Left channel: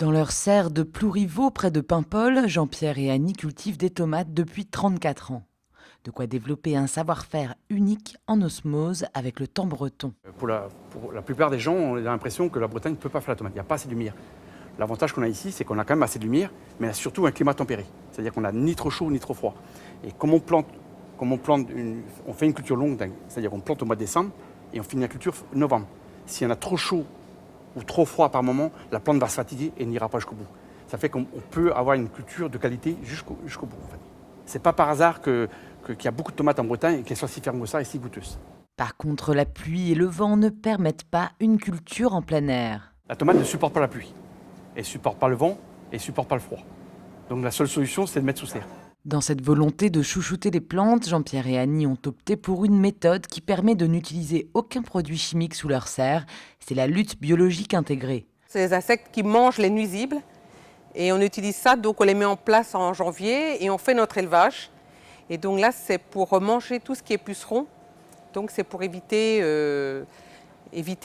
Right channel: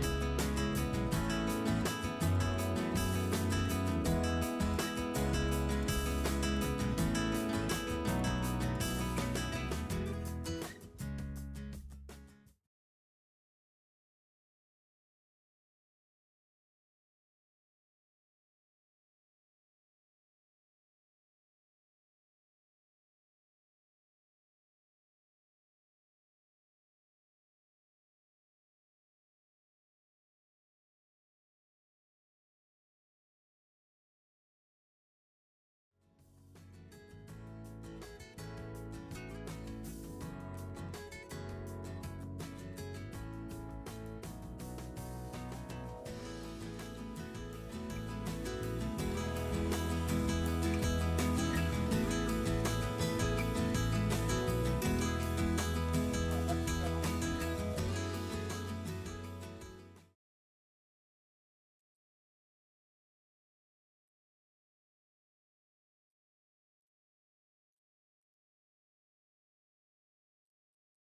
Dans leur serre de Plouriveau, près de Paimpol, Jean-Pierre et Annie cultivent des tomates depuis 34 ans. De quoi développer un savoir-faire unique en osmose avec le temps breton. Pour la plupart des gens, on a l'impression que la Bretagne ne peut pas faire la tomate. Il n'y a pas assez de lumière. L'avantage qu'on a ici, c'est qu'on a quand même assez de lumière, mais on a surtout un climat tempéré. C'est-à-dire qu'on n'a ni trop chaud ni trop froid. Et comme on fait une culture longue, c'est-à-dire qu'on plante au mois de décembre et on finit la culture novembre. S'il y en a trop chaud ou trop froid par moment, la plante va se fatiguer et n'ira pas jusqu'au bout. Ça fait qu'on peut avoir une culture de qualité jusqu'au bout. En fait. C'est pas par hasard qu'il y a beaucoup de tomates en Bretagne et qu'elles soient si fermes que ça et si goûteuses. Par contre, la pluie et le vent ne permettent pas une culture en plein air. La tomate ne supporte pas la pluie, elle ne supporte pas le vent et ne supporte pas le froid. Donc la seule solution, c'est de mettre sous serre. Dans cette volonté de chouchouter les plantes, Jean-Pierre et Annie ont opté pour une méthode qui permet de n'utiliser aucun produit chimique sous leur serre. C'est la lutte biologique intégrée. C'est les insectes qui mangent les nuisibles et on utilise ça, donc on les met en place en janvier et on fait notre élevage. Et donc là, c'est pour manger tout ce qui est puceron. Donc c'est pour éviter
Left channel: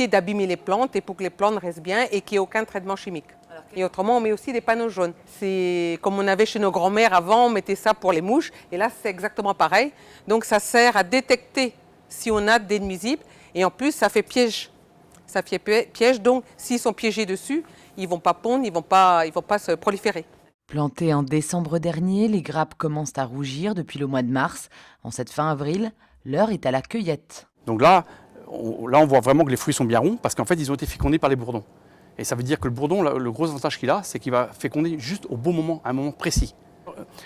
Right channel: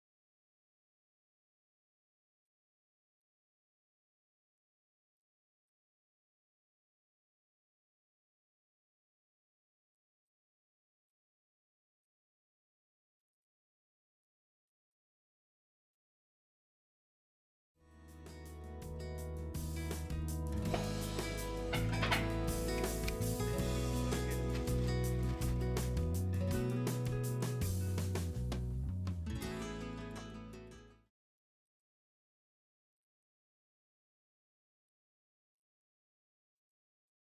d'abîmer les plantes et pour que les plantes restent bien et qu'il n'y ait aucun traitement chimique. Et autrement, on met aussi des panneaux jaunes. C'est comme on avait chez nos grands-mères avant, on mettait ça pour les mouches. Et là, c'est exactement pareil. Donc ça sert à détecter si on a des nuisibles. Et en plus, ça fait piège. Ça fait piège, donc s'ils sont piégés dessus, ils ne vont pas pondre, ils ne vont pas se proliférer. Plantées en décembre dernier, les grappes commencent à rougir depuis le mois de mars. En cette fin avril, l'heure est à la cueillette. Donc là, on voit vraiment que les fruits sont bien ronds parce qu'en fait, ils ont été fécondés par les bourdons. Et ça veut dire que le bourdon, le gros avantage qu'il a, c'est qu'il va féconder juste au bon moment, à un moment précis.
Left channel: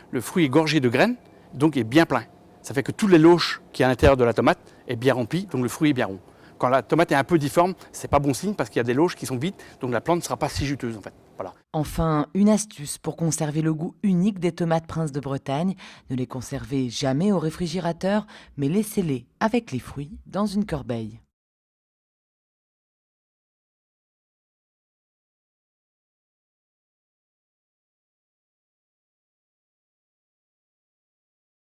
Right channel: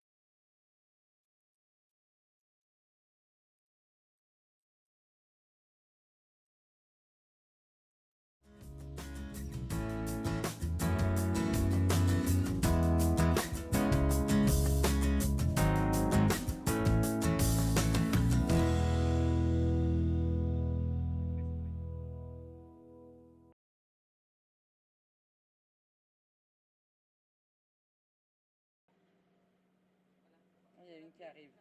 Le fruit est gorgé de graines, donc est bien plein. Ça fait que toutes les loches qui est à l'intérieur de la tomate est bien remplie, donc le fruit est bien rond. Quand la tomate est un peu difforme, c'est pas bon signe parce qu'il y a des loches qui sont vides, donc la plante ne sera pas si juteuse en fait. Voilà. Enfin, une astuce pour conserver le goût unique des tomates Prince de Bretagne. Ne les conservez jamais au réfrigérateur, mais laissez-les avec les fruits dans une corbeille. Il y a une qui arrive.